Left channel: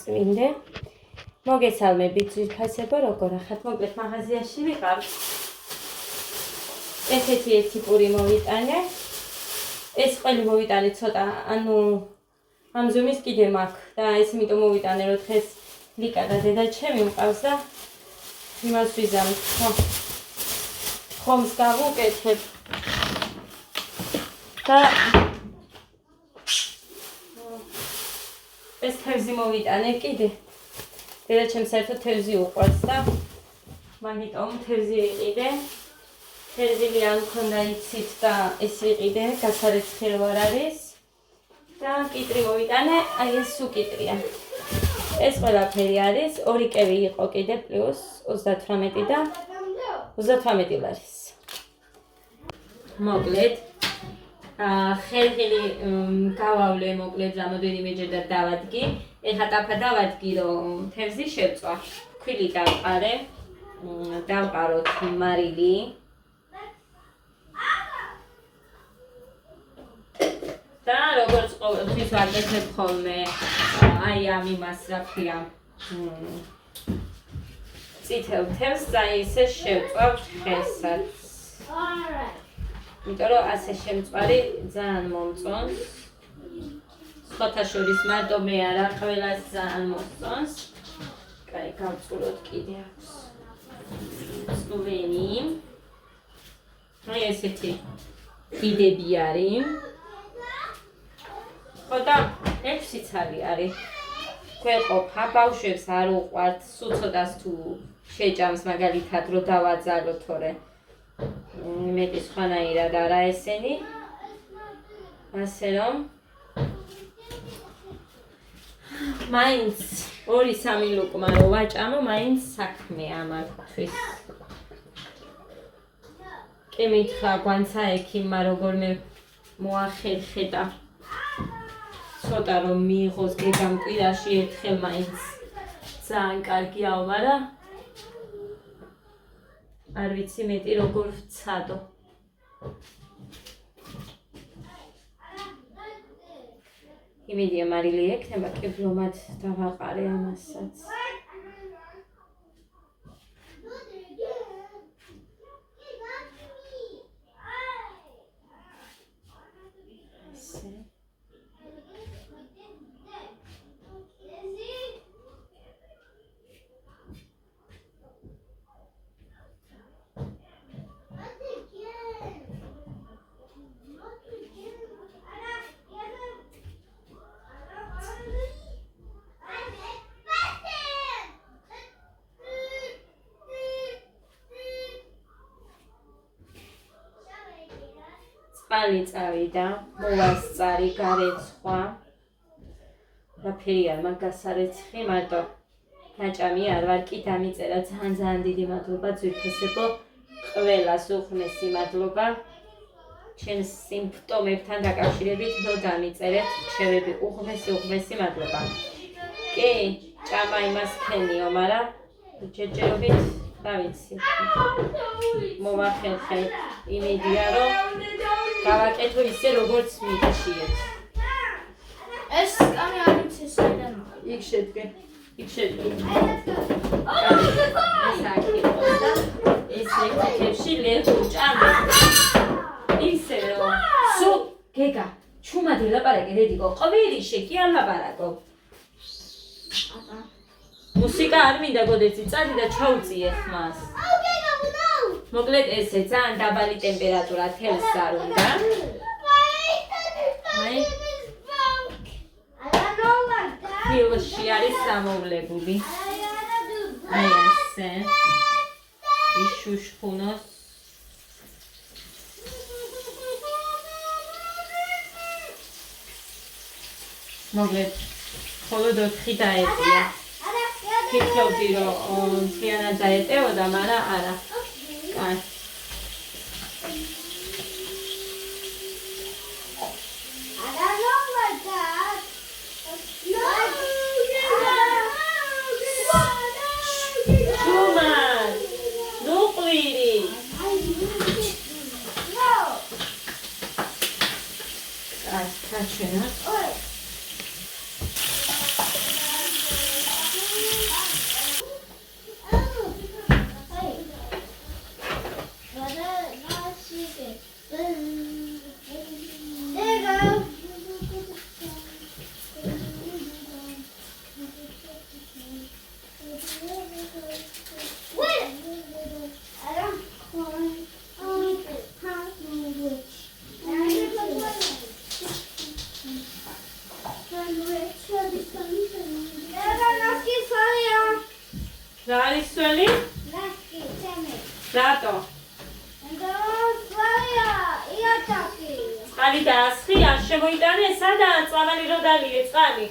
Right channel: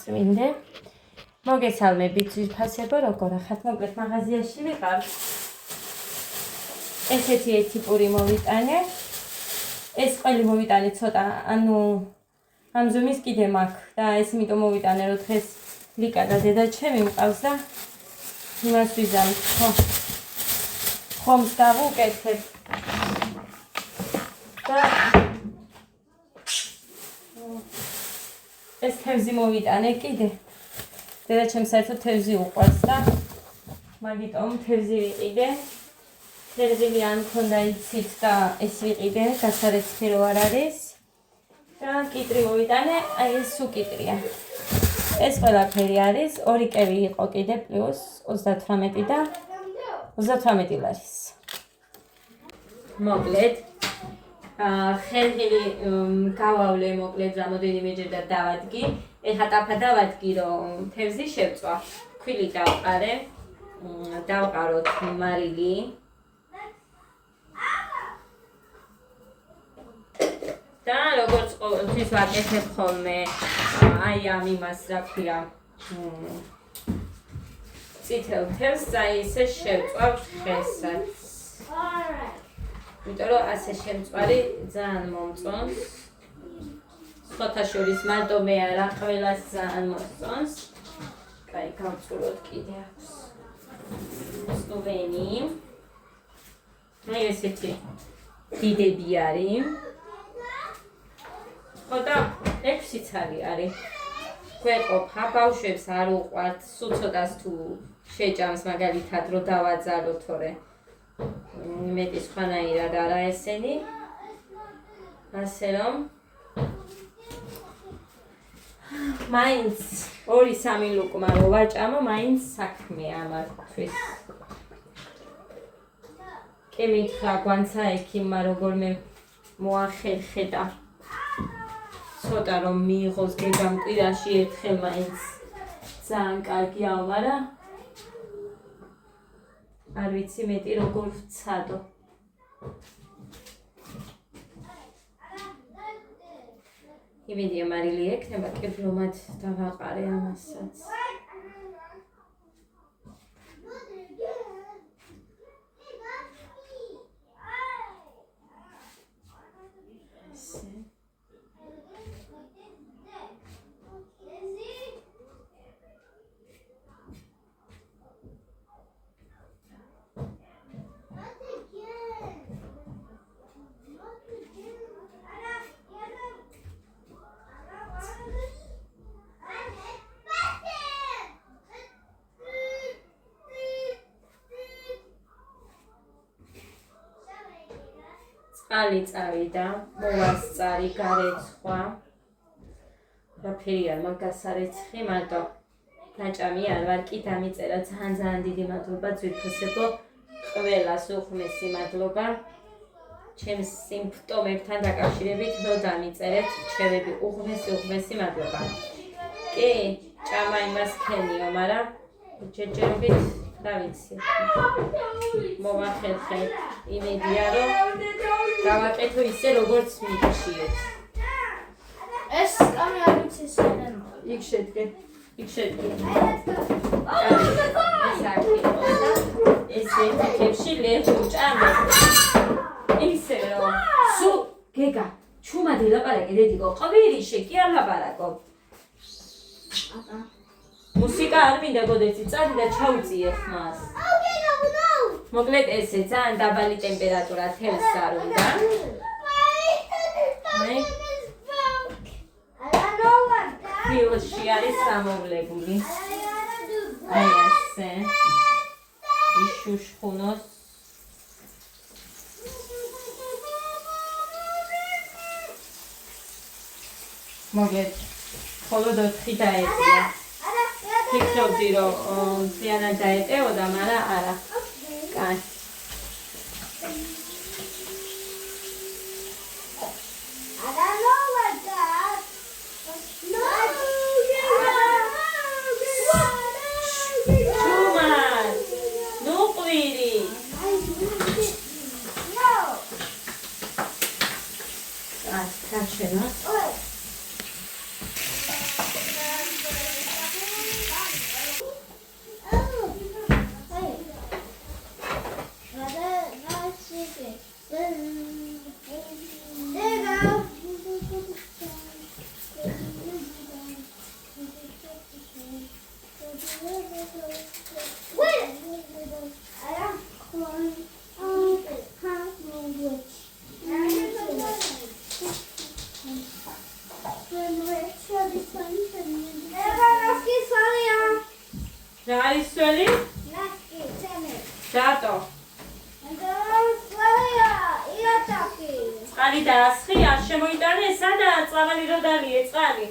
წმინდე. მოგესალმებით ძვირფასებო, როგორ ახართ? მოკლედ მაღაზიაში ვიყავ. ესეთი ერთი პური მოვიტანე. ეს ყველი მოვიტანე ცოტა, ანუ ამ ზომის კიდე მაქვს და ეს იმიტომ მოვიტანე, რომ დღეს ლიკა და დედა ჩემი მყავს და იმას ვიზამთ, ხომს გავუკეთებ. და ეს თევზი მოვიტანე კიდე. დედა ჩემს საერთოდ თევზი უყვარს და მაგიტომ თევზი ვიყიდე. თევზი ან მქონდა იცით და ეს ვიყიდე, გასარეთქი რო არ არის. და კიტრი მოვიტანე, აი ეს უკიტრია. ეს ყველაფერი არის, 2 კევი იყო კიდე პლუს 38 და 38 ლარის. მოკლედ ხელხილი გავავლე მოკლედ რამოდენიმეჯერ და დავადგი. ეხლა ტაფა დავადგი, რომ თევზი შევწვა. ქვილი დავყარე, დავყაროთ მარილი. და როგორც ყოველთვის ვაკეთებ ხოლმე, აი ამ იმას რა ქვია, წითელ თევზს და ისე შევწვავ ხესაც. იმიტომ რომ ასე შემწვარი ძალიან მომწონს. სხვათა შორის მარტო მე არა, ყველას ძალიან მომწონს. კაი, გავწუროთ კიდე აქვს. სტუმენი. აი ესეთი დიდები არის. ხო და 6 ცალი არის. გვეყოფა, ბავშვებს არ უყვართ, სულ ცოტას თუ შეჭამს მაგალითად რომ დავაძალო, თორე მეტი სხვანაირად არა ესენი. ასე რომ მაინც 2-3 ლუკმა რო ვაჭამო, მაინც საქმეა მაგთვის. კი მითხრა გვანცა ექიმმა როგორმე მოახერხე და ცოტა რომ მიიღოს გეგამ კვირაში ერთხელ მაინც ძალიან კარგია, მაგრამ არ ვიცი მეტი როგორ ვცადო. იმედია მარილი ექნება, კეფლომად დავაყარე ამასაც. წყალი წავიდა, მოვასწარი, გარეცხვა. რაფერი არ მაგას არეცხი, მარტო ნაჭამი არ ვარ, კი დამიწერა. ძალიან დიდი მადლობა ძვირფასებო, ყველას უღმესი მადლობა. ჩემს სიმპტომებთან დაკავშირებით რომ დამიწერეთ რჩევები, უღმესი მადლობა. კი, ჭამა იმას ქენიო, მაგრამ ჯერჯერობით რა ვიცი. მოვახერხე, იმედია რომ გავაკეთო ისე როგორც მიგიჩიეთ. ეს კამი არ ვიცი საერთოდ. იქ შედგე. ეს აქ და ეს ეთებში ლერტუ ჭამე. ისე რომ სულ გეგა, ჩუმად ელაპარაკე დედიკო, ყვირიში კი არ ლაპარაკო. მუსიკა არ მინდა გოდეცი, წადი და ჩაუწიე ხმას. მოკლედ ესე ძალიან დაბალი ტემპერატურა თევზს არ უნდა. ფილში არის სამოვლებული. აი ასე. იშუშხუნოს. მოკლედ მხოლოდ 4 დაეტია. ფიქრობდი რომ მთლიანად დაეტევოდა, მაგრამ არა. კაი. წყალი დაასხი, არ შემოიტანე, სადაა წამალი რო დალიე წყალი.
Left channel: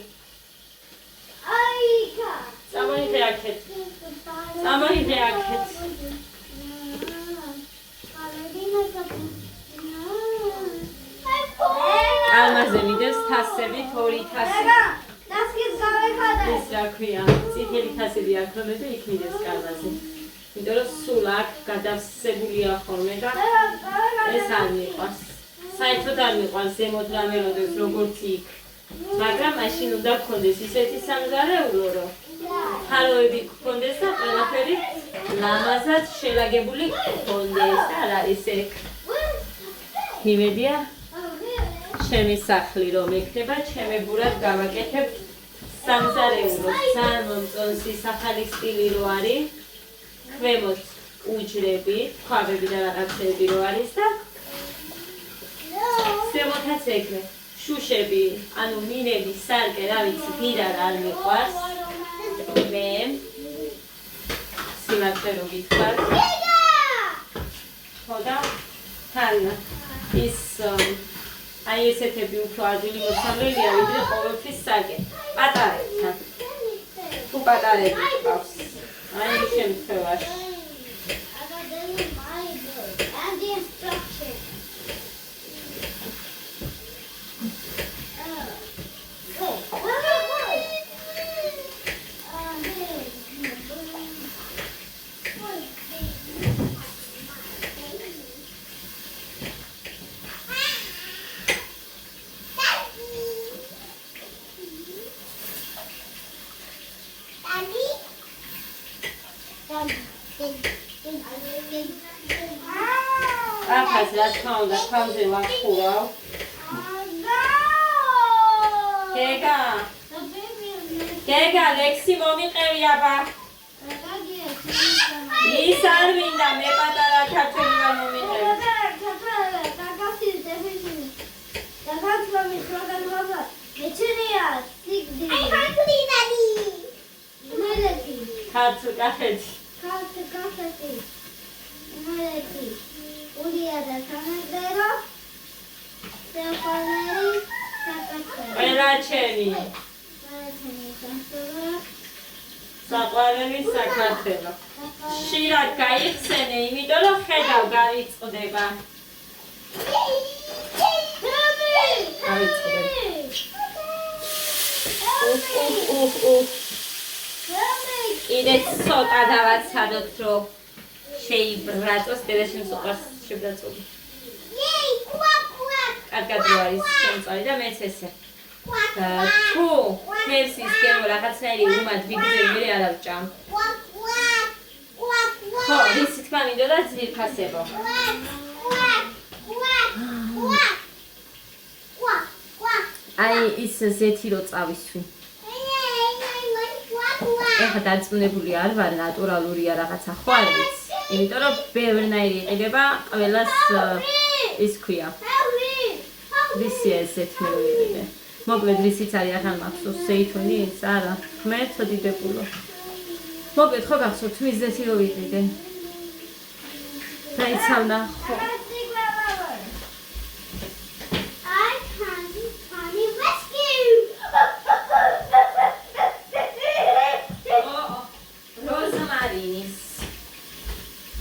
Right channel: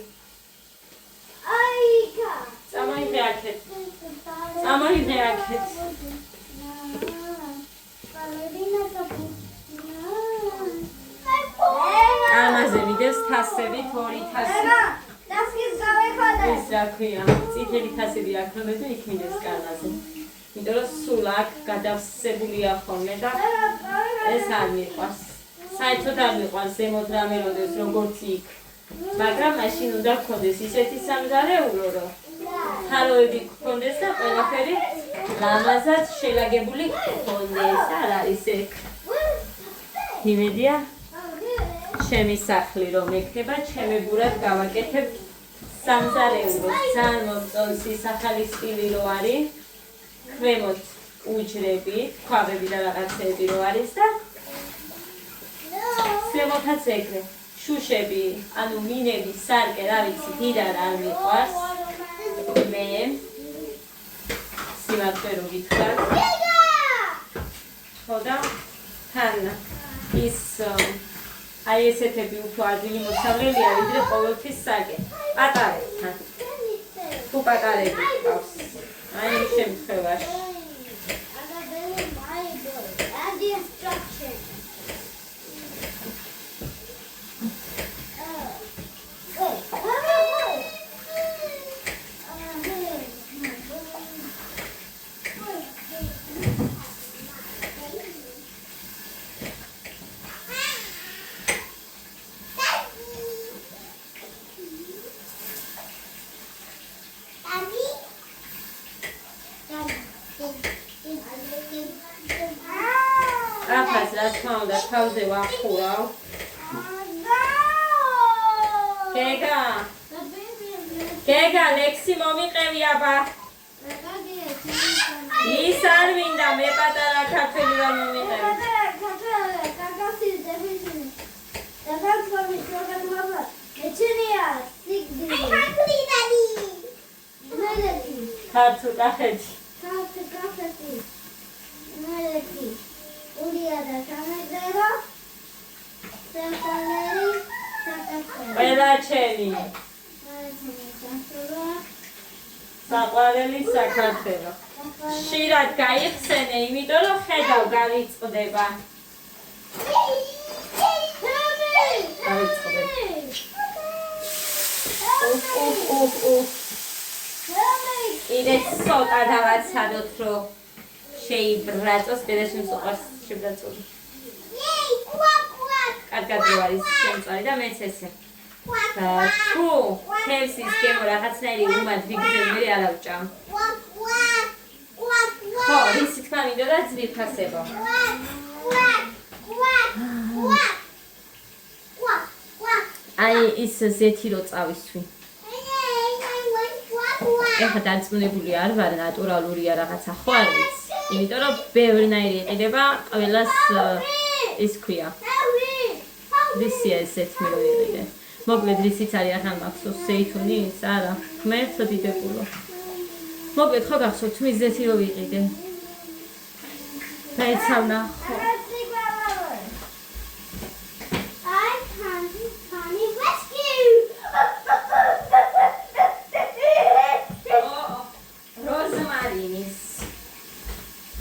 აიქა. წამოიღე აქეთ. წამოიღე აქეთ. ამაზე მიდევს თასებით, 2 თასი. დასკის გავეხადე. ეს რა ქვია? წითელი თასები არ ქონდა და იქ მიდევს კალმაზე. იმიტომ რომ სულ აქ გადავსებულია ხოლმე და ეს არ მიყვარს. საერთოდ არ მიყვარს ზემოთ რამე როდეს როგორც იქ. მაგრამ მაშინ უნდა გქონდეს ისეთი სამზარეულო, რომ ხაროები გქონდეს და ყველაფერი ლამაზად შელაგებული გქონდეს. არ არის ეგ. იმედია ჩემი სახლი რომ ექნება, ჩემებურად გავაკეთებ სამზარეულოს. ძალიან მომწონს ახალი სტილი რო არის. ქვემოთ უჯრები, ქვაბები და რაღაცები რო არის და ზემოთაც ეგრე. შუშები, ანუ მინები, სარკე, რა ვიცი, დიდარ არ მიყვარს. მე სიმართლე რომ გითხრათ. ხო და თან ის აი ესეთები უფრო ადვილი მოსავლელია, ვიდრე ყოველთვის სარკე. პატარებთან. თუ პატარები გყავს. აი ამ შემთხვევაში. ახაც რა თქმა უნდა თავზე ვახურავ. გეგა, ლექსი მომიყევი აბა. ის არ მინდა, მე პატარა ქართველი რა მომიყევი. ქართულ კახეთი. ყველა ჩემი საყვარელი საქართველო. ხშირად გაიხსენე, იმიტომ რომ ხედავ გავიწყდება. კიდე ცოტა დავაცადოთ, რომ შეიბრაწოს, დედაშემს უყვარს შებრაწული. კარგად რო არის შემწვარი და მეც ესე. და თუ ხევსის გემო რაღაცნაირი უმად ვიგრძელ, მე არ ავჭამ. ხო, რისი თქმა მინდოდა ძვირფასებო. აი ის ზეთი რო წავისვი. ეხლა დარწმუნებული არ ვარ, ნატურალურია რაღაცა, ხო არ ვიცი. იმიტომ რომ ბევრნაირი იყიდება, ყველას ის ქვია. რისია ესეთ მე ვიყიდე. მოკლედ რისიც არის ახლა მახსოვს ზეითუნი ის არა. ღმერთო დიდებულო. მოკლედ ხო გახსოვთ მის ზეთი რო ვიყიდე. დაიცავნა ხო.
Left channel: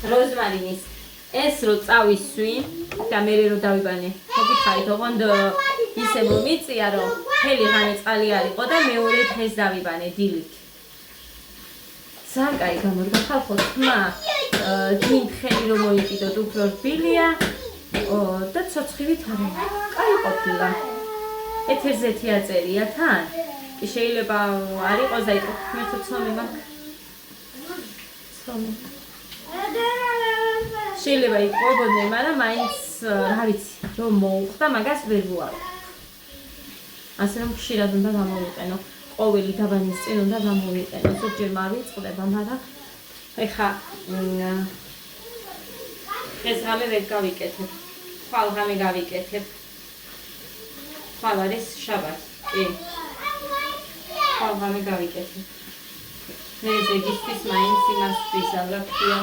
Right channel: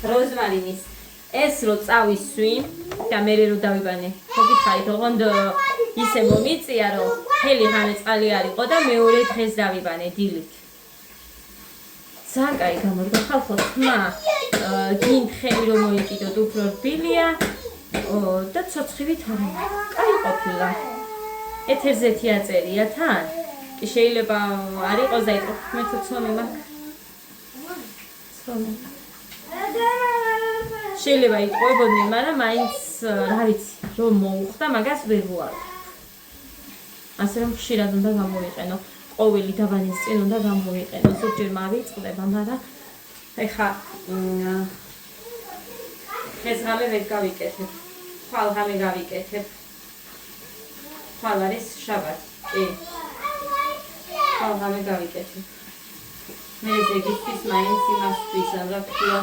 როზმარინის ეს რო წავისვი და მე რო დავიბანე. მოგითხარით, ოღონდ ისე მომიწია, რომ მთელი ღამე წყალი არისო და მეორე დღეს დავიბანე დილით. ძალიან კაი გამორგა ხალხო, თმა გინთხელი რომ მოიკიდოთ, უფრო რბილია და ცოცხივით არა. კაი ყოფილა. ეთერზეთი აწერია თან. კი შეიძლება არ იყოს და იყო მეთო ცომი მაქვს. ცომი. შეიძლება იყვებოდნენ, მაგრამ მაინც რა ვიცი, რომ მოუხდა, მაგას ვერ ვუარი. ასე რომ ხშირად უნდა გამოვიყენო. ყოველი დაბანის წინ უნდა გამოვიყენო. ზოგჯერ მავიწყდება, მაგრამ ეხა ეს ღამე ვერ გავიკეთებ. ხვალ ღამე გავიკეთებ. ხვალ არის შაბათი. კი. ხვალ ღამე გავიკეთებ. მე ზეგისთვის მაინც იმას ვისალ რა ქვია.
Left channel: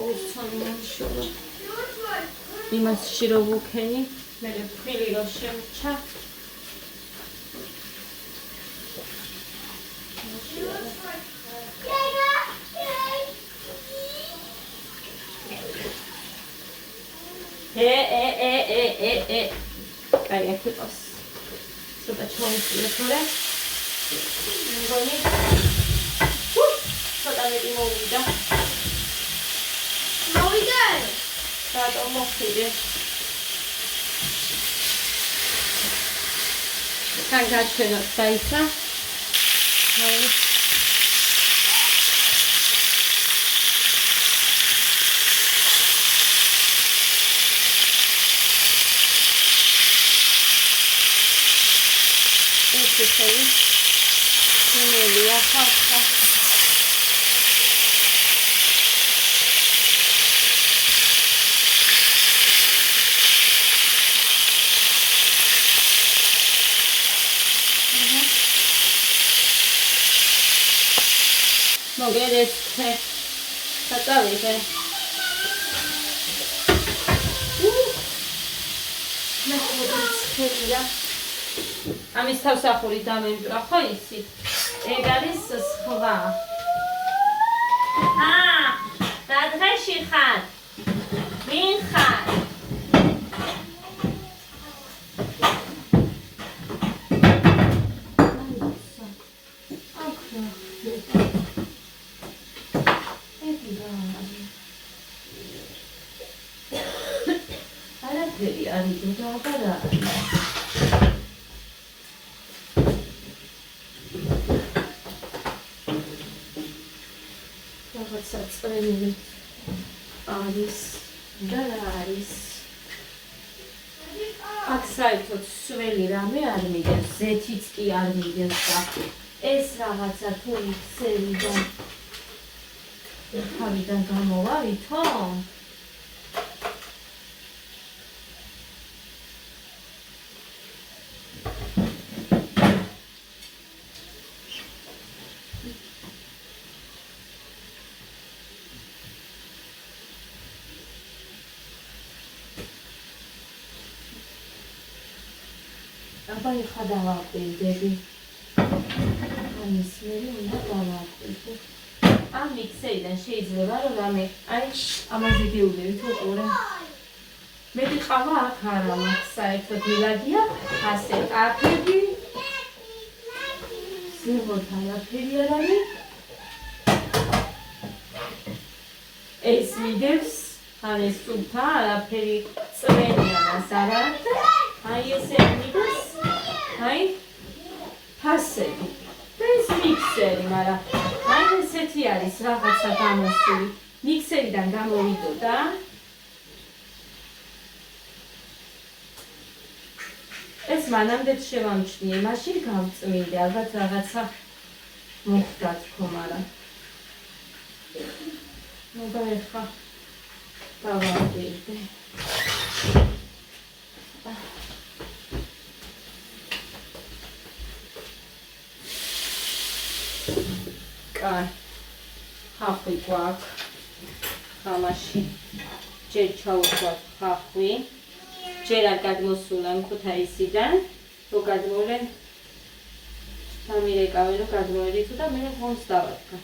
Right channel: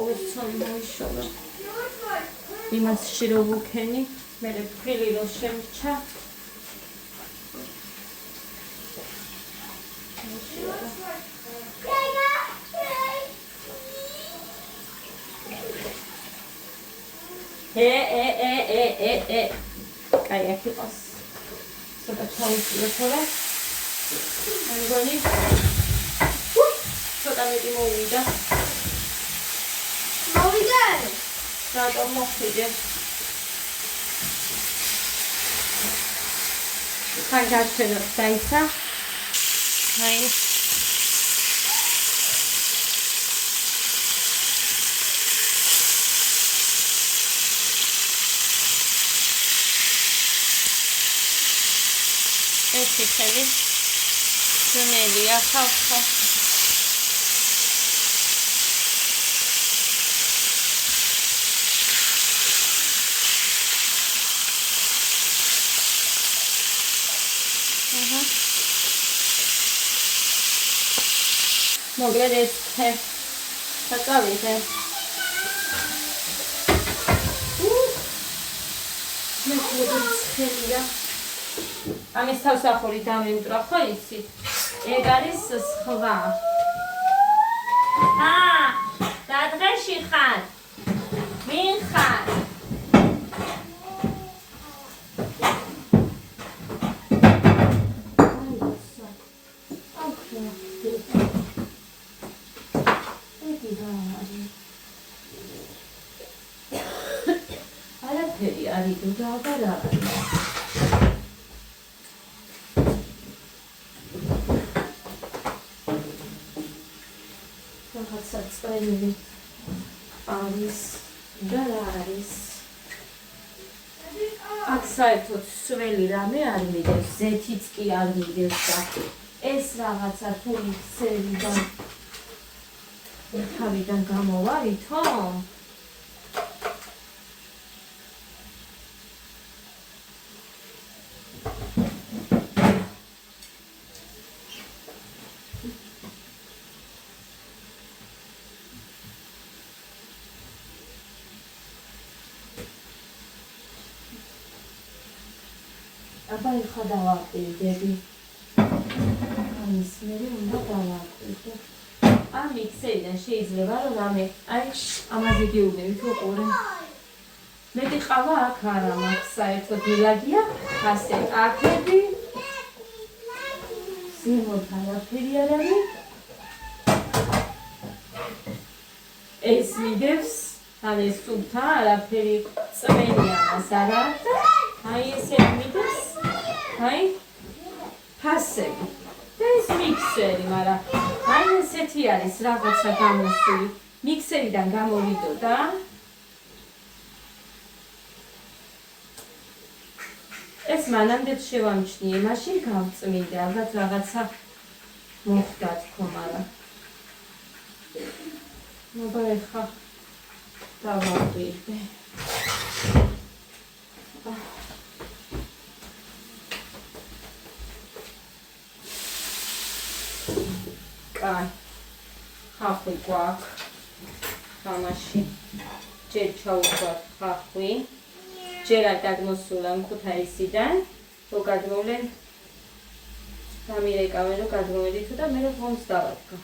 ოცონი შორო. იმას შირო ვუქენი მე ფხილი რო შემჩა. კაი, აქ იყოს. ცოტა ჩაიწია თორე. მე მგონი ცოტა მეტი მოვიდა. მოვიდა? რატომ მოხდე? თან გაჩვენოთ დაიცა. აი ეს ისე შემელია ხალხო. მოკლედ ეს საწავიზე. მე ხოდია. ამის თავსახური დამემტვრა ხო იცით? ეგ არის სხვა. და დღეში ხარ? ვინ ხარ? არაფერი არის და აღარა არის. რაღაცა წელი არის და რა არის. აქ საერთოდ სველი რამე არ მიგებს, ზეთიც კი არ მიგებს და ეს რაღაცა თუ მიქცევიდან თავიდან გამოვა ვითომ? აბა ეხა დავაკვირდები. ამის მერე უნდა დავაკვირდე. ამ მიქსერიდან შეიძლება რომ რამე აი ამაზე გეუბნებით უყურე. მეტი ყავა აქ არა მაქვს საერთოდ ილაგია ასე აკები. ზემოთ არაფერი არ არის. ეს მიდევს ან ეს სულთა არაფერი წვენიანას არა და აი ესე მიდევს. აი ფასები და ეს მიქსერი, მაგრამ აი ესეთი არის რაღაცა გამოსული. მიქსერიდან გამოვიდოდა. ეს მანამდე შევამჩნიე, მაშინ გავწმინდე, ალბათ რაღაცა მოხდა თქო, მაგრამ მოდა ეხა დავაკვირდე. ხახვი გვაქვს. ხამაში ჯერ ჩაუშვათ ხახვი. ჯერ არ გადმოსულა ქუთაისიდან. რო გადმოვლენ დამირეკავენ, რო გადმოვედით და მე ხომს დავადგა.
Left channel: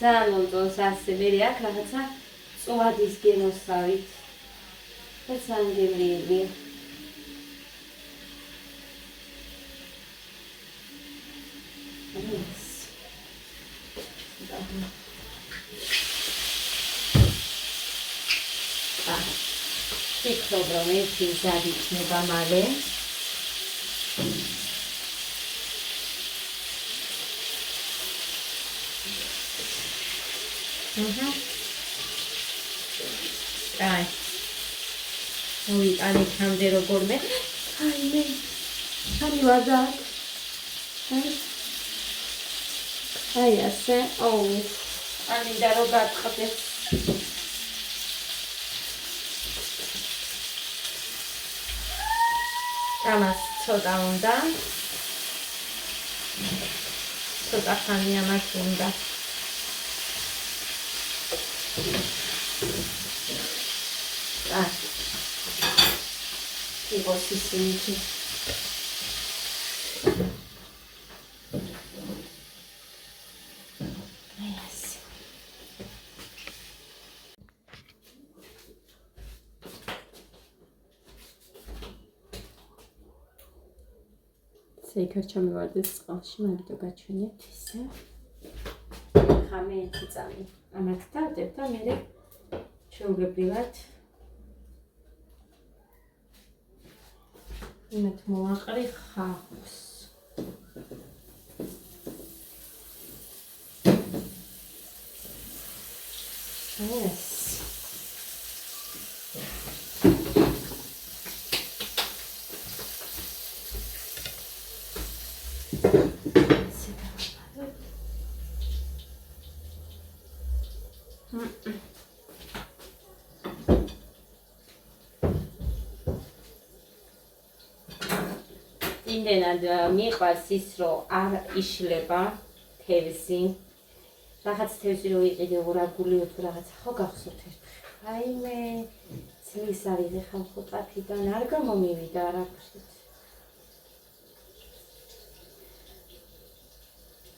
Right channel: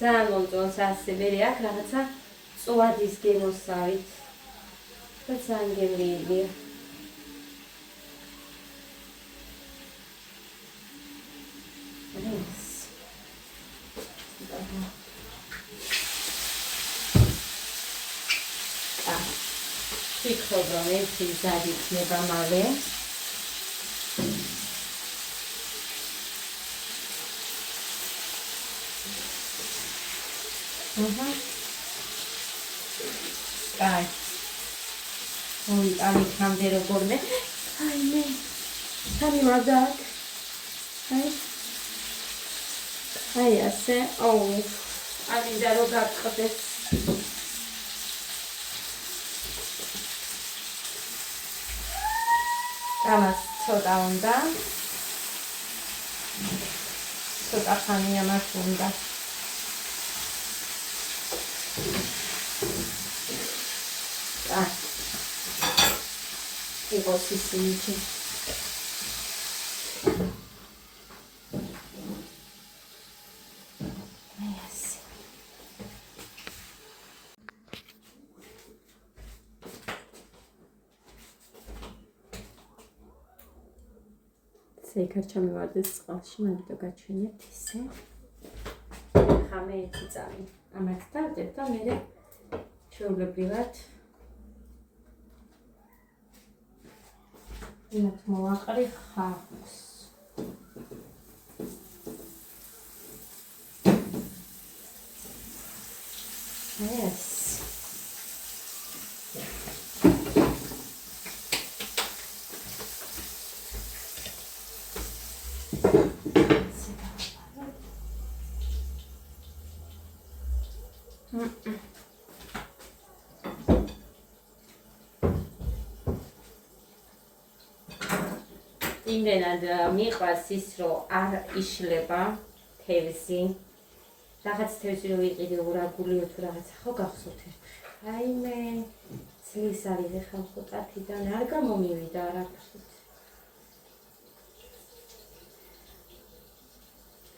ძალიან მომწონს ასე მე აქ რაღაცა წვადის გემოსავით და ძალიან გემრიელია. ვფიქრობ რომ ეს მზად იქნება მალე. აი მოვიტანით ამდე როგორმე. აი მე არის ვარდაკ. აი ასე. ამინდა რომ გაგყდეს. ამას ცოტა უნდა. ცოტა ხანი ამას უნდა. იყოს ისინი. იქაც ჩამივარდეს წყალში, მაგითო გაჩვენეთ ისე. ხა მე 1 წამი ამათ დავდებ და მე ჩვეულებრივად იმათ მოვაყრი ხავს. ეს იმდენად მიყვარს ის, რომ არ იშლება თევზი. რაღაც თევზი რო იყიდე ორაგულიო თუ რაღაცა ხო გახსოვთ ერთხელ. აიმე წლის არის ეხლა ხუთათიდან არ გამომივიდა არაფრით.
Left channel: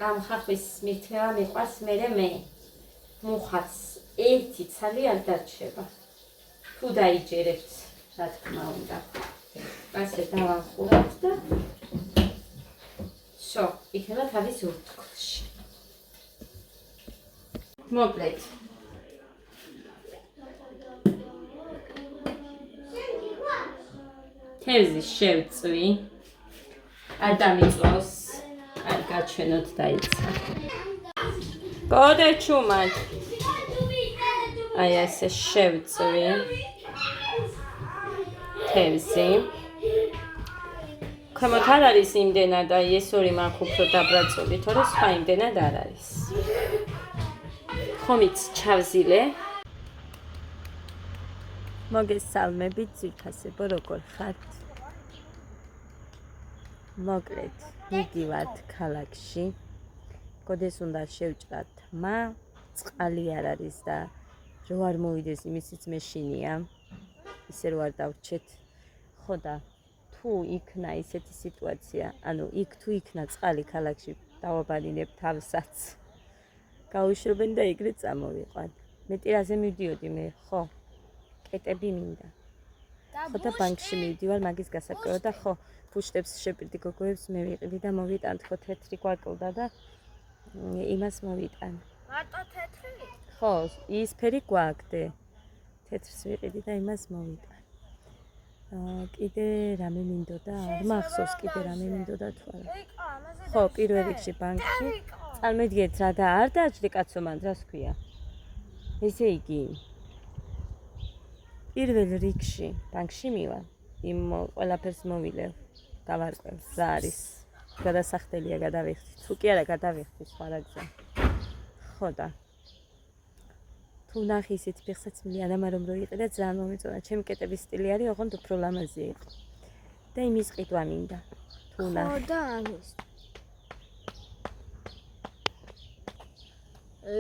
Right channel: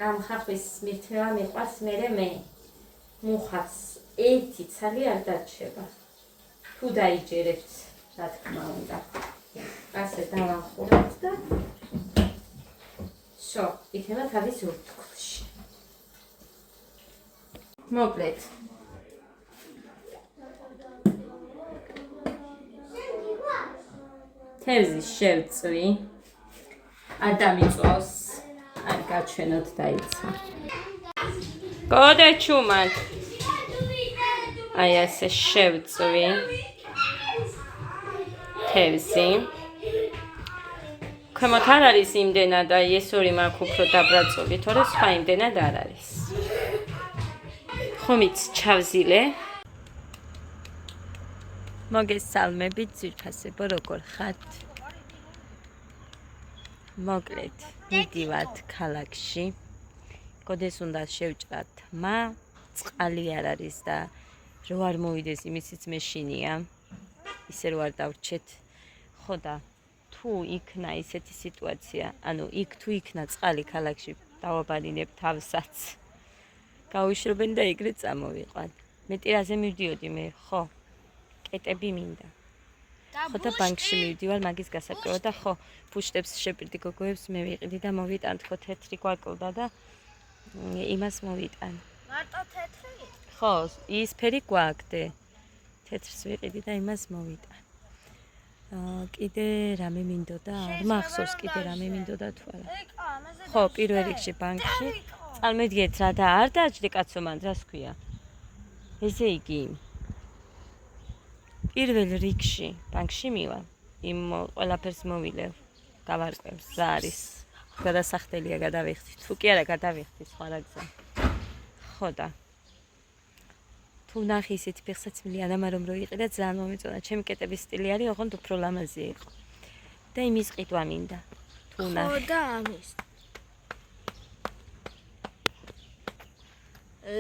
ამ ხახვის მირთმევა მიყვარს მე მუხაც ერთი ცალი არ დარჩება. თუ დაიჯერებთ, რა თქმა უნდა. ასე დავახურებთ და შო, იქნება თავის ურთქლში. მოკლედ. თევზის შევწვი. არ დამიწვავს. არ გაჩვენოთ დაიცა. გოდეჩუმად. აი ასე შევწვი. თევზი. ქვემოთ არ არის იმდენად, აი ეს ორი მაქვს უფრო დაბრაწული, თორე სხვა იმდენად არ არის. ხომიც ჩავზილე. მოგესალმებით ძვირფასებო, როგორ ხართ? მოკლედ, მიდივართ ქალაქში. გოდეს უნდა შევჭრათ თმა, წყალი არ არის და რო არ მოვიდეს იმისიც მეშინია. ისე რო არ დავრჩეთ. ხო და თუ იქნა ისეთი სიტუაცია, ანუ იქ თუ იქნა წყალი ქალაქში, დავაბალინებ თავსაც. გავიშრობენ და ეგრე წამოვიყვან. მე ტირაზე მივდიოდი მე, ხო. კეტები მინდა. ხო და ბანკში მივდივარ მაგის გასაკვირად და ხო, ფუშტებს შეპირდი გოგოებს მე ვიყიდი და მოვიტან თქო თეთრი გვაკლდა და იმას მოვიტან. მარტო თეთრი? ხო, ისფერი გვაქვს. თეთრს ვიყიდი და იმას მოვიტან. კიდე რამე მინდოდა? არ მახსოვს კიდე რამე მინდოდა თუ არა. ხო, პირველ რიგში ბანკში. წარმოგიდგენთ რა და არ დააჭდე კაცო მან, რას ქვია? ესე იგი პირველ რიგში ბანკში მივა. იმ ყველაფერს მოვილევ. გავარკვევს რა არის. გადასახდელია გადავიხდი. თუ კი არა გადავიხდი სხვა რა გზა. ხო და თუ ნახე ისეთი ფეხსაცმელი ანამა რომ რო იყიდა ძალიან მომეწონა. ჩემი კეტების სტილი არის, ოღონდ უფრო ლამაზი იყო. და იმის ყიდვა მინდა. თუ ნახე. ხო და ამის.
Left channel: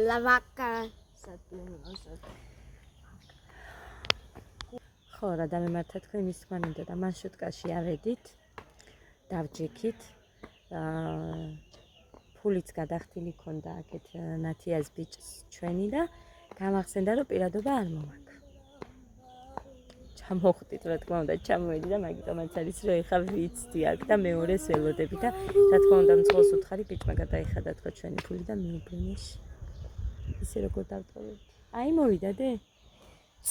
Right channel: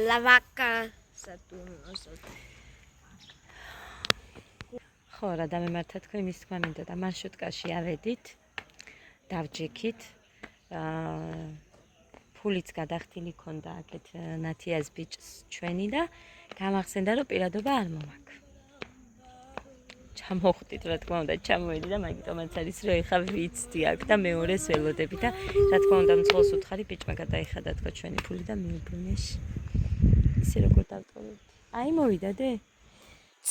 ლავაკა სატუნოსოთ. ხო რა დამემართა თქო იმის თქმა მინდა და მარშრუტკაში ავედით. დავჯექით. ფულიც გადახდილი ქონდა აქეთ ნათიას ბიჭს ჩვენი და გამახსენდა რომ პირადობა არ მომაქვს. ჩამოხვდით რა თქმა უნდა ჩამოვედი და მაგიტომაც არის რომ ეხა ვიცდი აქ და მეორეს ველოდები და რა თქმა უნდა მძღოლს უთხარი ბიჭმა გადაიხადა თქო ჩვენი ფული და მიუბრუნეს. ისე როგორ დავტოვებთ. აი მოვიდა დე?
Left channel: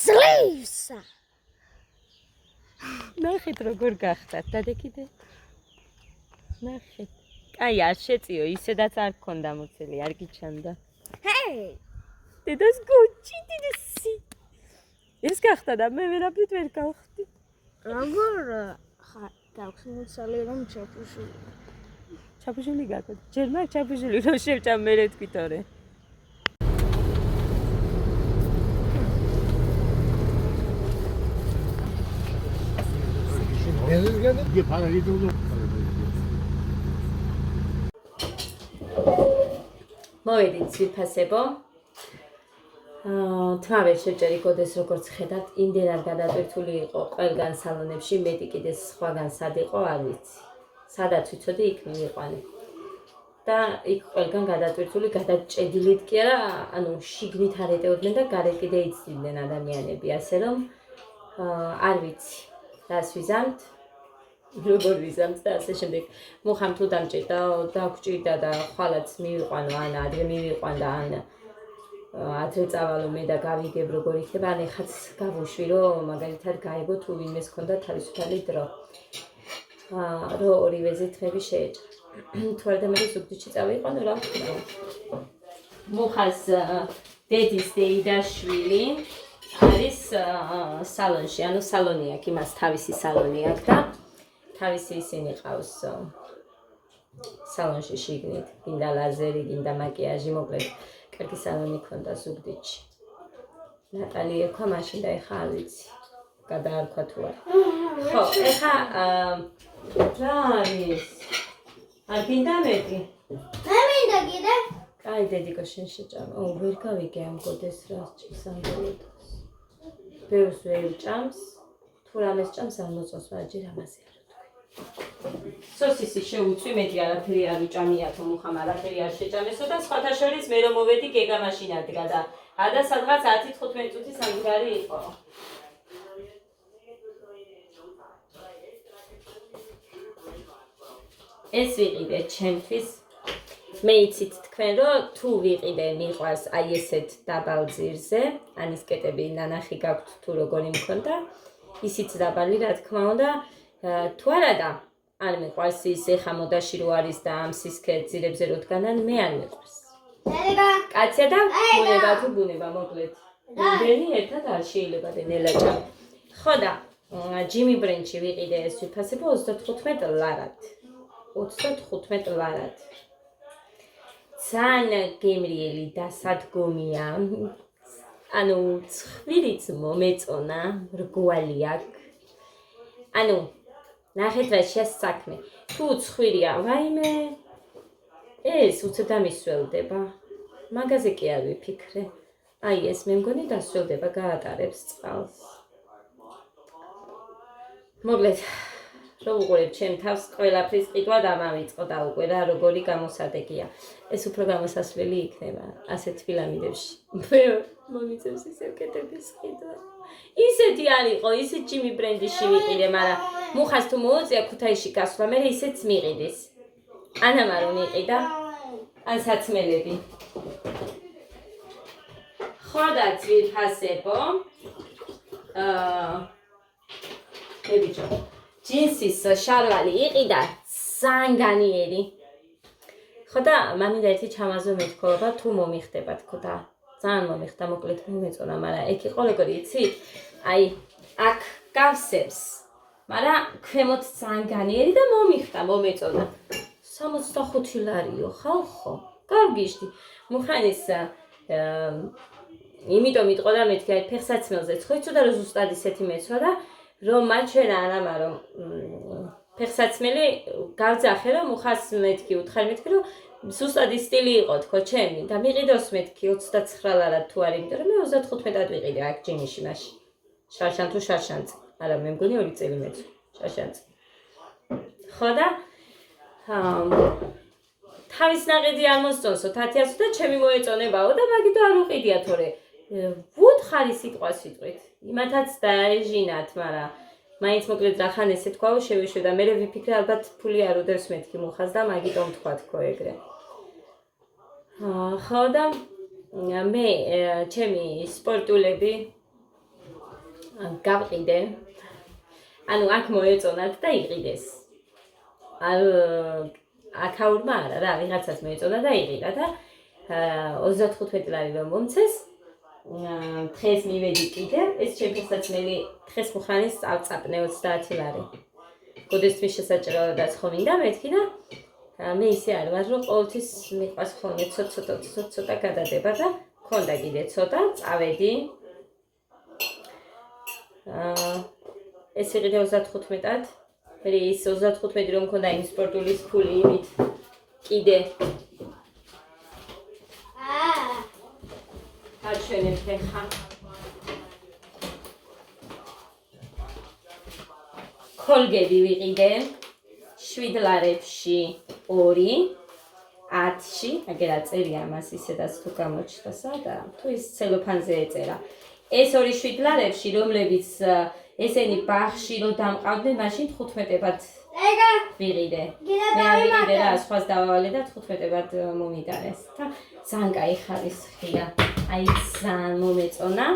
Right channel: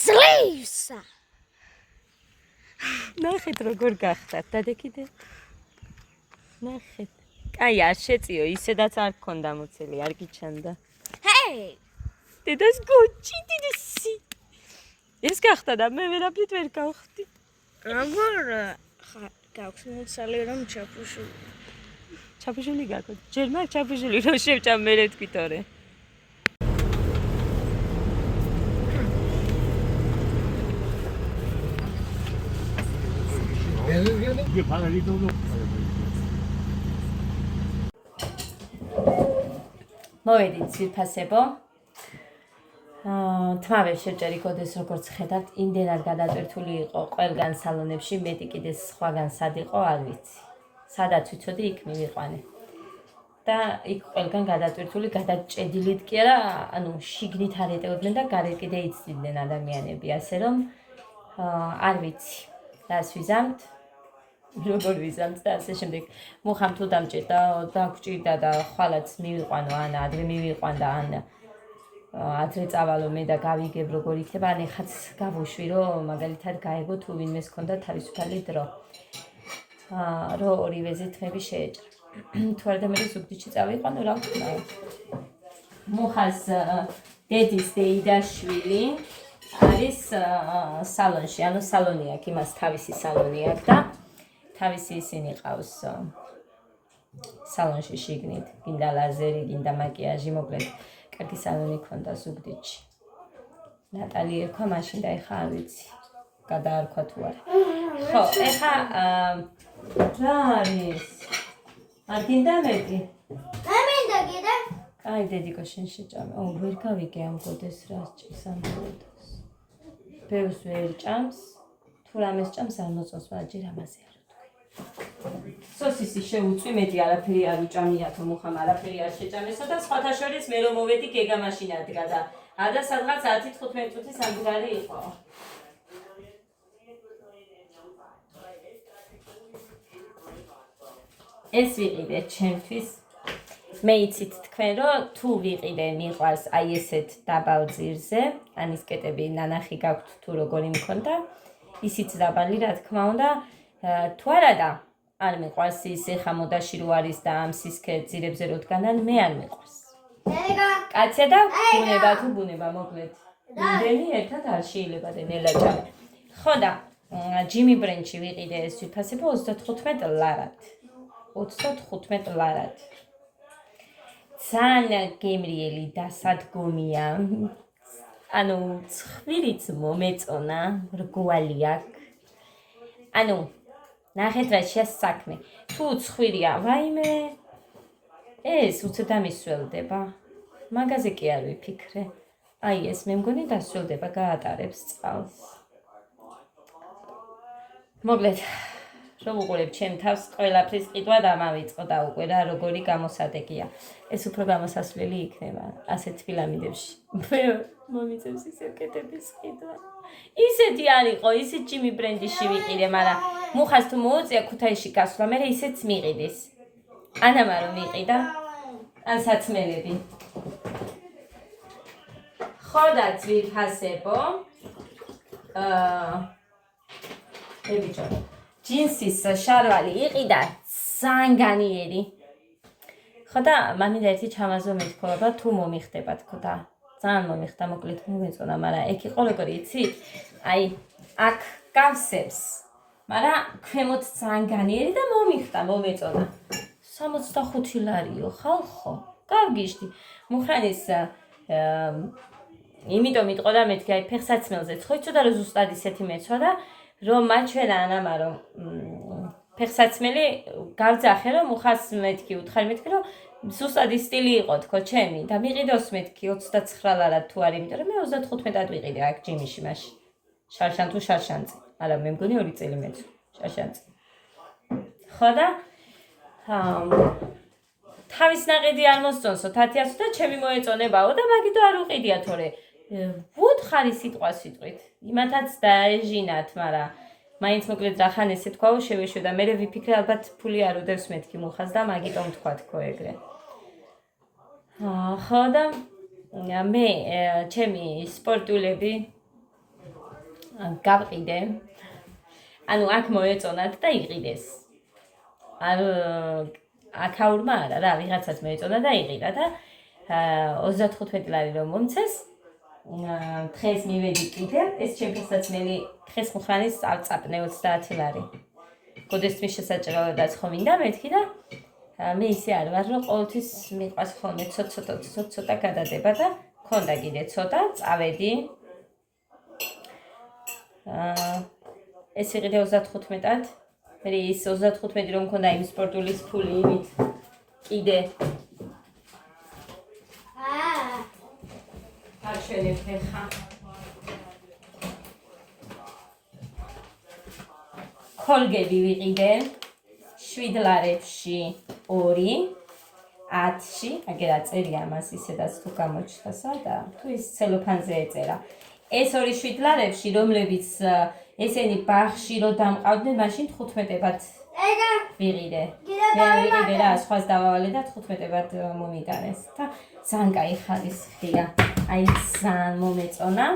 სლივსა. ნახეთ როგორ გახდათ დადეკიდე. ნახეთ. აი არ შეწიო ისედაც არ გქონდა მოცელი არ გიჩანდა. ჰეი! დედას გოჩი დიდესი. ეს გახდა და მე ვერაფრით ვერ გავხდი. როგორ გაქვს მოცალი რომ ჩაფუშული. ჩაფუშული გაქოთ. ჯერ მაგ ჩაფუშული რომ შევჭამ მე თქვითორე. 이게 바로 이 정도. მოვედით ძვირფასებო. თმა ვერ შეჭერი გოდეს როგორც ხედავთ, იმდენად გადატვირთული იყო ყველგან სალონებში, მეტი კიდე სხვაგან სად იყო, არ ვიცი. სადაც ვიცოდი, იქ მივიყვანე. და იქ ყველგან გადატვირთული, გადაჭედილით კი არა, ანუ შიგნით არ ეტეოდნენ და გარეთ კიდე იცდიდნენ ადამიანები, ასე რომ არ ვიცი, რას ვიზამთ, როგორ ვიზამთ და ასე შემდეგ. მუხამ თუ დამჭირდა, დაგჭირდა და ხვალაც მივიყვანო, ან ადრე მივიყვანდა, ან ადრე წავალო მე და გავიგებ როგორ იქნება, ან ეხაც გავუშვი, რომ მაგალითად გაეგო თუ ვინმეს ჰქონდა თავისუფალი დრო. რო ორივეზე თმები შეეჭრა. თუ არა და მე ზუგდიდში წავიყვანო, რა ვქნა. მუხას დედის დეიდაშვილი არის სალონში, ანუ სალონი აქვს, იმას თავისი სალონი აქვს და თავისი ისინი ყავს სალონში შიგნით, გინდა ლაზერი, გინდა მაკიაჟი, მოკლედ კარგი სალონი ქონდა ზუგდიდში. ნატალი ერქვა მაშინ და ეხა არ ვიცი, გადაარქვა თუ არა. ხო, ეხა რა არის? არ გინდა მეტი? მე მინდა კიდე. კაი, დედიკო, შენ შეჭამ. ვერ გავიგე ამ გოდეს რას ჭირს ამ გოდას. ბევრს ვერ ჭამს, თუ რამეს ჭამს არ მოწონს, მაგრამ ჯერ ამაზე არ ვთქვი. სოსისი შეუწვი, მეტი არაფერი არ უჭამიათო, მუხამ არაფერი არ შეჭამესო და სხვათა შორის მე რომ მოვედი გეგა მაშინ ადგა და ადა სადღაც 10-15 წუთი სამგზარი იყო. ეს ვიყიდე ჩემთვის. მე იცით თქვენ რომ თუ ვიყიდე მიყვარს აი ესეთ დაბალ ძირზე, ან ის კეტები ნანახი გაქვთ თუ როგორი მქონდა, ისიც დაბალი რა თქმა უნდა, თუ არა და არ მიყვარს ის ეხა მოდაში რო არის და ამ სისქე ძირებზე რო დგანან, მე არ მიყვარს. კაცია და ბუნება თუ ბუნება მოკლედ. იმდენი ერთად არ შეიძლება დენელაჭა. ხო და ჯიმი ბრენჩი ვიყიდე ეს ვიფასებო 35 ლარად. 35 ლარად. ძალიან გემრიელი დასადგომია. ანუ ცხვირიც მომეწონა, რგვალი აქვს. ანუ ნახეთ რა შეასაქმე. თუ ცხვირია, ვაიმე, ეს უცებ დამისველდება. მაგაზე კი არ ვიფიქრე. აი ეს მე მგონი დასველდება, გაატარებს წყალს. მოკლედ რომ უყურებ ჩემ თავს ყველაფრის ყიდვა დამავიწყო და უკვე რა როგორი გამოსადეგია. ეს უფრო გამოსასვლელი იქნება ასეთ ფილამიდებში. მე მომიწევს ისევ კეტების ყიდვა. ისეთი არ იყო, ისეთ ჯიმი ბრენდიში ვიყიდე, მაგრამ მუხას თუ მოუწია ქუთაისში გასვლა, მე ისეც მიყიდის. ანამ არ მიყიდა, ან საცმელები. ხო და ძვირფასებო. ბიჭო ჯინსის შარვალი იყიდა სანგანიერი. ხო და მამინდა ერთი ჩამაზო მეთქობა თუ მომიხდება თქო და ძალიან მომიხდა მოკლედ მომეწონა, მაგრამ ეგ იყო როგორი იცი? აი აქ გავსებს, მაგრამ ქვემოთ სანგანიერი და მომიხდა მომეწონა. 65 ლარიო ხალხო. გავგიშდი. მუხანის იმიტომ იტყო და მეთქი აი ფეხსაცმელზე ცხოიცოდა რომ ზუსტად ისეთი მეცვა და რომ მაჩვენა ანამა რომ ფეხსაცმელი გავძახე რომ მუხას მეთქი უთხარ მეთქი რომ ზუსტად ის სტილი იყო თქო ჩემი და მიყიდოს მეთქი 29 ლარად თუ არის იმიტომ რომ მე 35-ად ვიყიდე აქ ჯიმიში მაშინ შარშან თუ შარშანწი არა მე მგონი 2 წელი მეცვა შარშანწი ხო და თავის ნაყიდი არ მოსწონსო 1000 და ჩემი მოეწონებაო და მაგითო არ უყიდია თორე ვუთხარი სიტყვა სიტყვით იმათაც დაეჟინათ მაგრამ მაინც მოკლედ რახან ესე თქვაო შევეშვე და მე ვიფიქრე ალბათ ფული არ უდევს მეთქი მუხას და მაგიტომ თქვა თქო ეგრე ხო და მე ჩემი სპორტულები გავყიდე ანუ აქ მოეწონათ და იყიდეს აქაურმა არა რა ვიღაცას მოეწონა და იყიდა და 35 ლარი რომ მომცეს დღეს მივედი კიდე ეს ჩემფეხსაცმელი დღეს მუხანის წავწაპნე 30 ლარი გოდესთვის შესაჭრელადაც ხო მინდა მეთქი და მე ისე არ ვარ რომ ყოველთვის მიყვარს ხოლმე ცოტა გადადება და მქონდა კიდე ცოტა წავედი ეს იყიდე 35-ად ის 35 რომ მქონდა იმ სპორტულის ფული იმით კიდე გაჩვენებ ხა კოლგები ვიყიდე 7 ლარებში 2 10-ში, აგერ აწერია მას ისედაც თუ გამოჩნდა და თუ ის ცელოფანზე ეწერა. ეს 2 7 ლარებში, რომლებიც ესენი ბაღში რო დამყავდნენ, მაშინ 15-ად ვიყიდე. მე ვიყიდე რა, სხვას დავავალე და 15-ად მომიტანეს. და ძალიან კაი ხარისხია. აი ძალიან მომეწონა.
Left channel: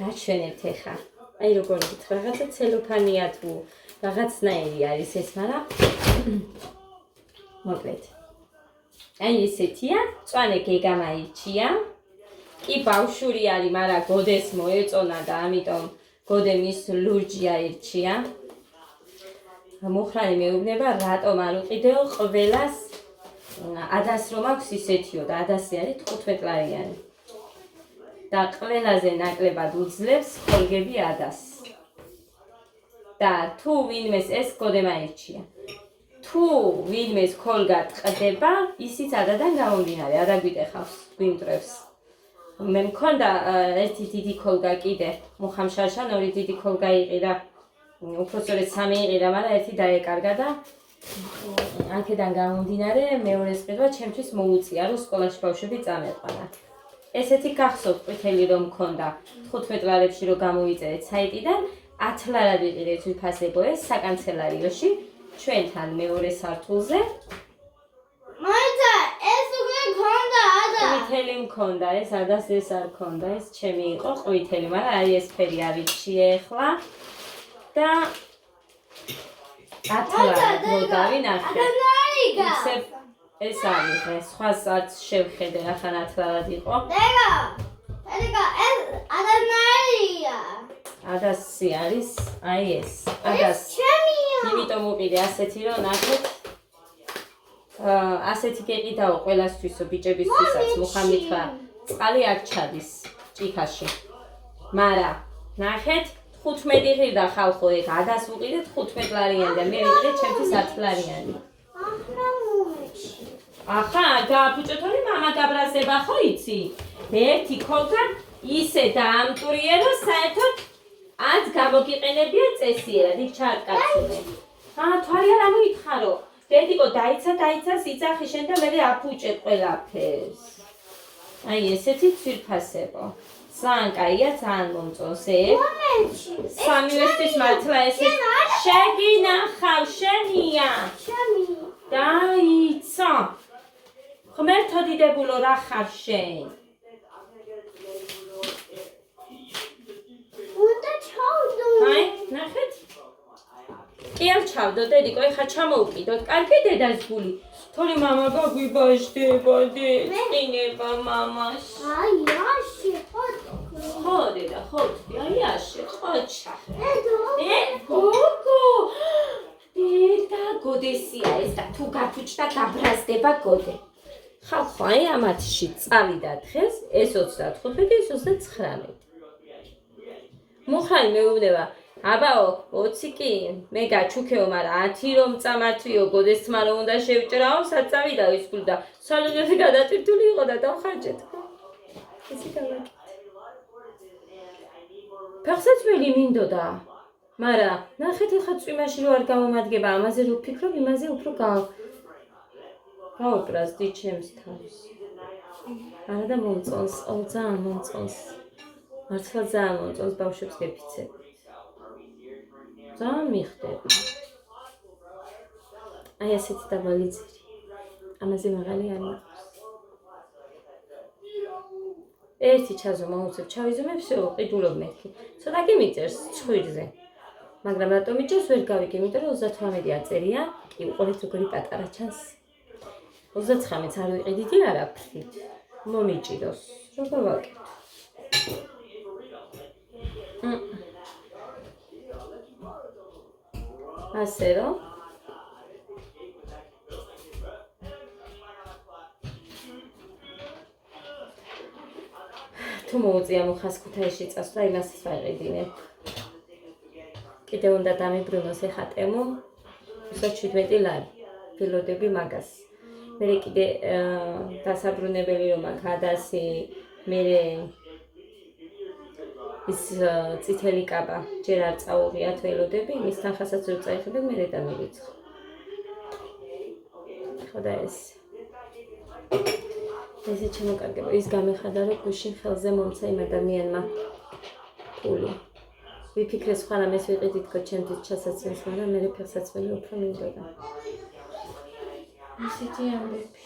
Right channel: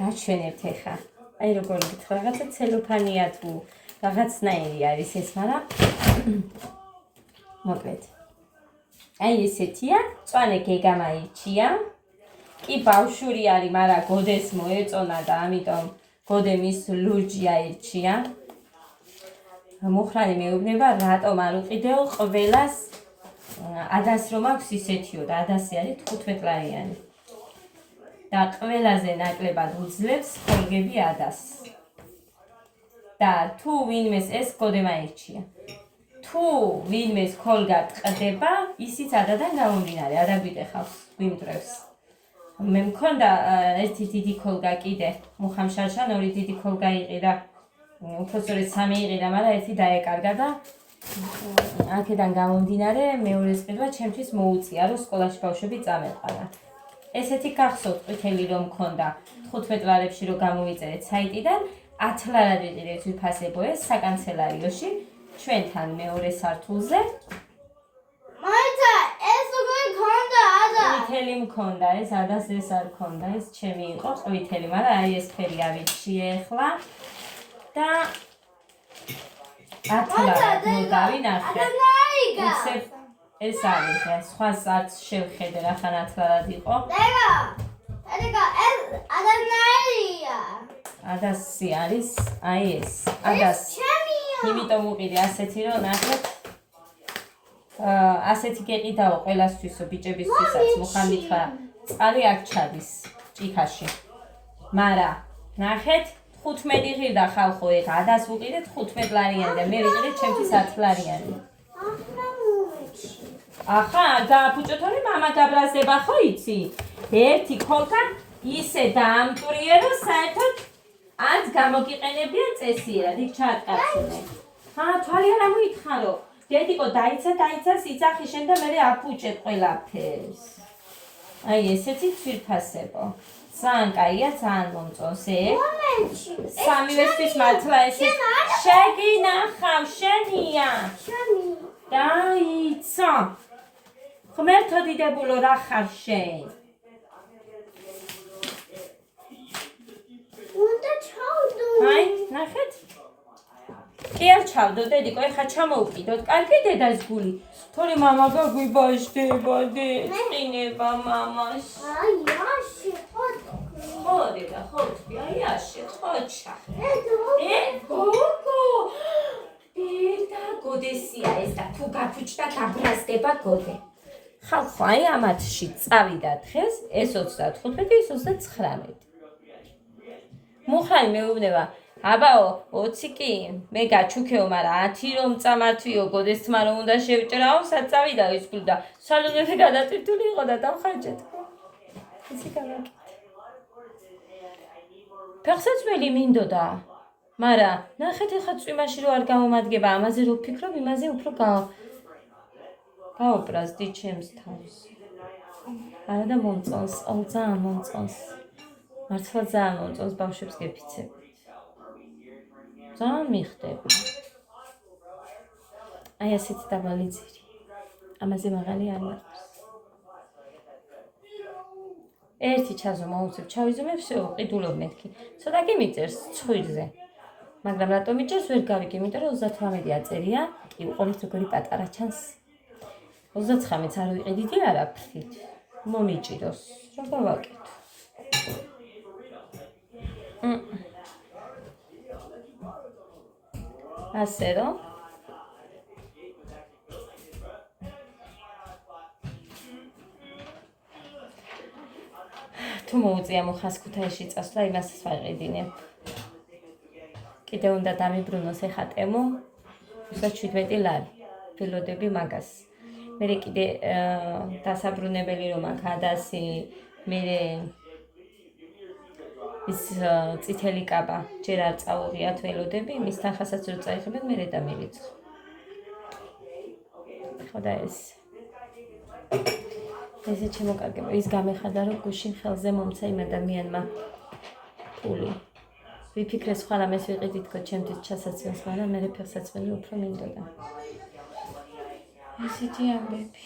გაჩვენებთ ეხა. აი როგორ გითხრა, რაღაცა ცელოფანია თუ რაღაცნაირი არის ეს, მაგრამ მოკლედ. აი ესეთია, მწვანე გეგა მაირჩია. კი ბავშვური არის, მაგრამ გოდეს მოეწონა და ამიტომ გოდე მის ლურჯი აირჩია. მუხრანი მეუბნება, რატომ არ უყიდეო ყველას ადას რომ აქვს ისეთიო და ადასი არის 15 ლარიანი. და ყველაზე ნაკლებად უძლებს კოლგები ადას. და თუ ვინმეს ეს გოდე მაირჩია. თუ ვინმეს კოლგა ტყდება, ისიც ადადან გამომდინარე, არა გვიტეხავს, გვიმტრევს. მე მქონდა ერთი დიდი კოლგა კიდე, მუხამშარშან 2 დიდი კოლგა იყიდა. უფრო სწორედ 3 იყიდა, მაგრამ ერთი დაეკარგა და აქედან გამომდინარე მეორეს ყიდვა ჩემთვის მოუწია, რომ სკოლაში ბავშვები წამეყვანა. ესეთი გახსოვთ ყვითელი რომ მქონდა 15 ლარებში რომ გამოვიწერეთ საიტიდან 10 ლარად ვიყიდეთ ვიფასებო ეს საკანცელარიოში ჩვენთან მეორე სართულზე. მაიცა ეს უკვე მქონდა ადა. ყვითელი მქონდა ეს ადას ეს არ მქონდა ეს ჩემი იყო ყვითელი, მაგრამ აი ეს ფერი ავირჩიე ახლა და 10 ლარად მოდავი ნახე. უცებ ეს არის ეს სხვას არც შევხედე ახლა 10 ლარად იყო. დეგა ეს ადანარია. ადასი არის აი ეს ადას. იმიტომ უყიდე ასეთი რომ ნახეთ ასეთი გეყიდაო ყველასთვისო ბიჭებისთვისაც მუხამითხრა წყალი აქ ჩადის ჭიქაში. მაგრამ ნახეთ 15 ღირდა ხალხო ეგ ადას უყიდეთ 15 ლარიანი და მე ვიყიდე ჩემთვის 10 ლარიანი. ახლა გააფუჭოთ რომ მამა გაბრაზდება ხო იცი? ერთი კოლგა ისე დაამტვრიე რომ საერთოდ ათ გამოგიყენებია წესიერად იქ ჩაატკაცუნე. თვალი არ ამოითხარო. დედიკო დაიცა სიძახი შენ და მე აფუჭებ ყველაფერს. აი ესეთი ცვირფასებო. ძალიან კაია, ძალიან მომწონს ეგ. სამივესთვის მართლა ესე შეგინახავ შენია. დაიცა. ღმერთო დიდებულო რა ხარ შენ? აი, ნახეთ. კი არ ჩავდო, დედიკო, ეხა ჩამოუყიდოთ. კარგი დედას გული. თორე მამა გაგვიბაშდება, წინება მამას. აი, აში, ხო, დედა, ხო, აი, აში, ხოჩა. გოგო. დედა, გოდესია ეს და თუ გაფუჭდა, გაბრაზდება გოდე. ხალხო, აი ამათში წავიდა დღეს, ეს 35, ეს 39. მუხრანი მეუბნება, აბაო, 20 კი, მე გაჩუქეო, მაგრამ 10 რომ წამართვიო, გოდეს თმა რომ უნდა შევჭრაო, საწავიდა ის გული და სალონები გადატვირთული იყო და დავხარჯეთ. ისი გავაკეთე. ფეხსაცმელი მინდოდა, მაგრამ ნახეთ ეხა წვიმაში რო არ გამომადგება, ამაზე რო ვფიქრობ, იმაზე უფრო გაოპრაზდი ჩემს თავს. არა და მომწონს, ძალიან მომწონს. მართლა ძალიან მომწონს ბავშვებს გეფიცებ. ძალიან მიხდები. აი ასეთი დაბალი ძირი. ამაზე მაღალი არ მაქვს. ერთი ჩაზო მოუწევ, ჩავიზომებ, всё, ყიდულობ მეთქი. ცოტა გიმიწერს ცხვირზე. მაგრამ რატომ იჭერს ვერ გავიგე, იმიტომ რომ 38 აწერია. კი, უყურეთ როგორი პატარა ჩანს. 39-ს არ ვიყიდით არა ფრით. მომიჭიდოს. რა გავაკეთო? ასე რომ თუ მოუწია მუხას ქუთაისში წასვლა, იმასაც ვაყიდინებ. კიდე უნდა დამიბრუნოს ეხა ტემო, უბრალოდ 17 ლარი. ველოდები მაგას. მე კიდე დასაბრუნებელი რომ აქ ადასი, მე ის წითელი კაბა ჯერ არ წაუღიათ ველოდები, მის თანხასაც რო წაიღებენ, მე დამირიცხო. ხო და ესე შემოკარგება. ის გამეხადა რომ გუშინ ხელზე მომცა იმ ადამიანმა ფული. ვიფიქრე სხვა რამეს ვიყიდით თქო ჩემთვის ჩასაცემს, მაგრამ მე ფეხსაცმელი უფრო მინდოდა. ისეთი ამბები.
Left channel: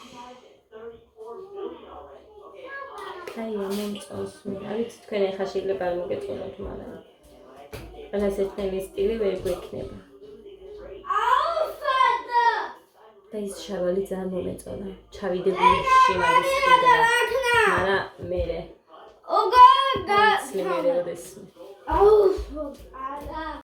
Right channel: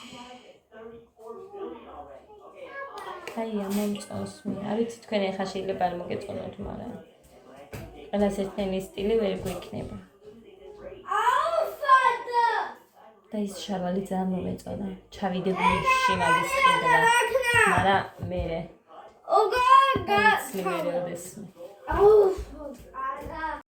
აი მომწონს მე. არ ვიცი თქვენ ახლა შეიძლება არ მოგეწონოთ, მაგრამ ყველას ერთნაირი სტილი ვერ გვექნება. და ის შარვალი ძალიან მომეწონა. ჩავიდებული შემალის ყიდვა. მაგრამ მე. ოგა, გა. სლიმერე ოდესმე.